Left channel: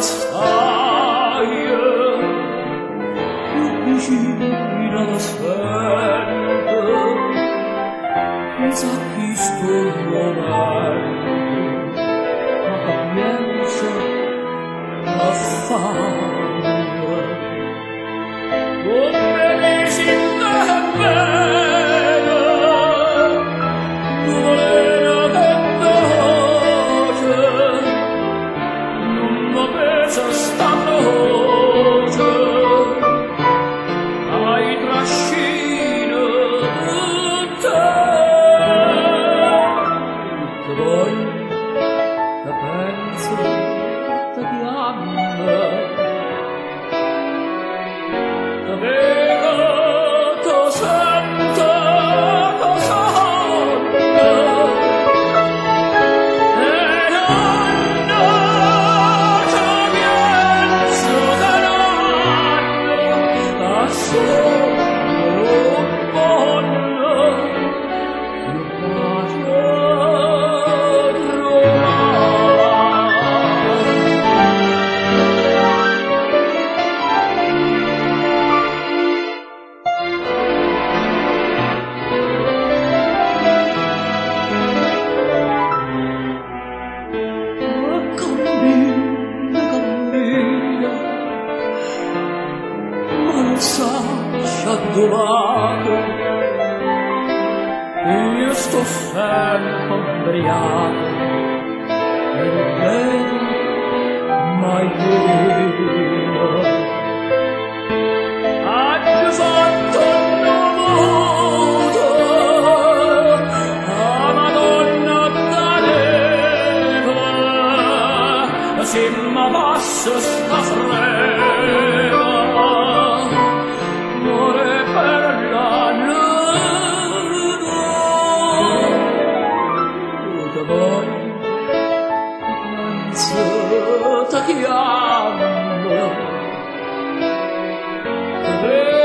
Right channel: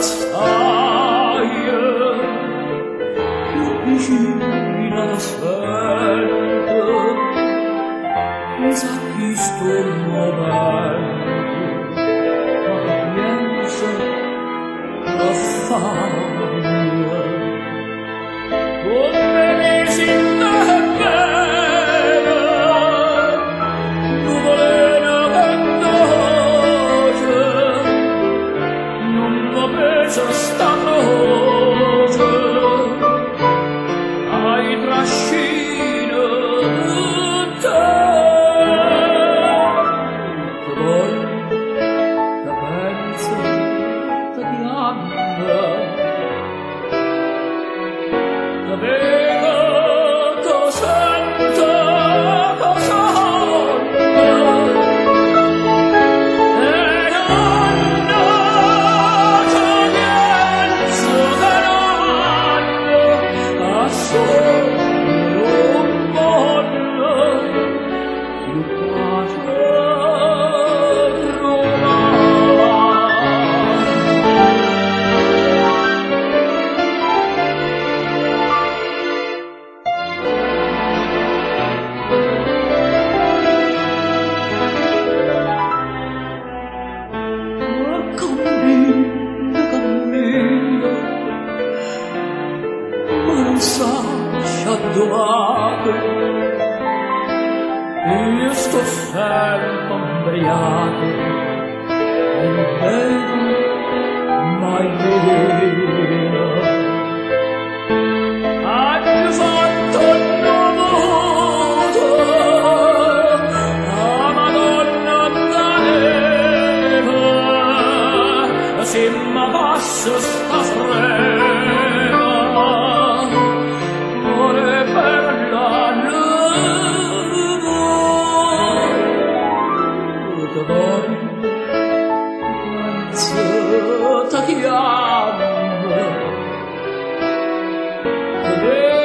stai più vicina da sempre, sa chi sto momento, ma capienza la faglia. Onde mi si bene, nuvolena che dolce, non mi pesa sta noce, ai trascino te, che poi la penso, ti chiama, te vedo, te sento, te sogno, e non ci penso che non a sogno un pollo, io pace cammina, ma non sa dove. Io sto sempre ubriaco e non bevo mai meno. Oggi fatto dovuto a Madonna da neve, se mi passa sta freva, muore per la luna, te voglio, penso, te chiamo, te vedo.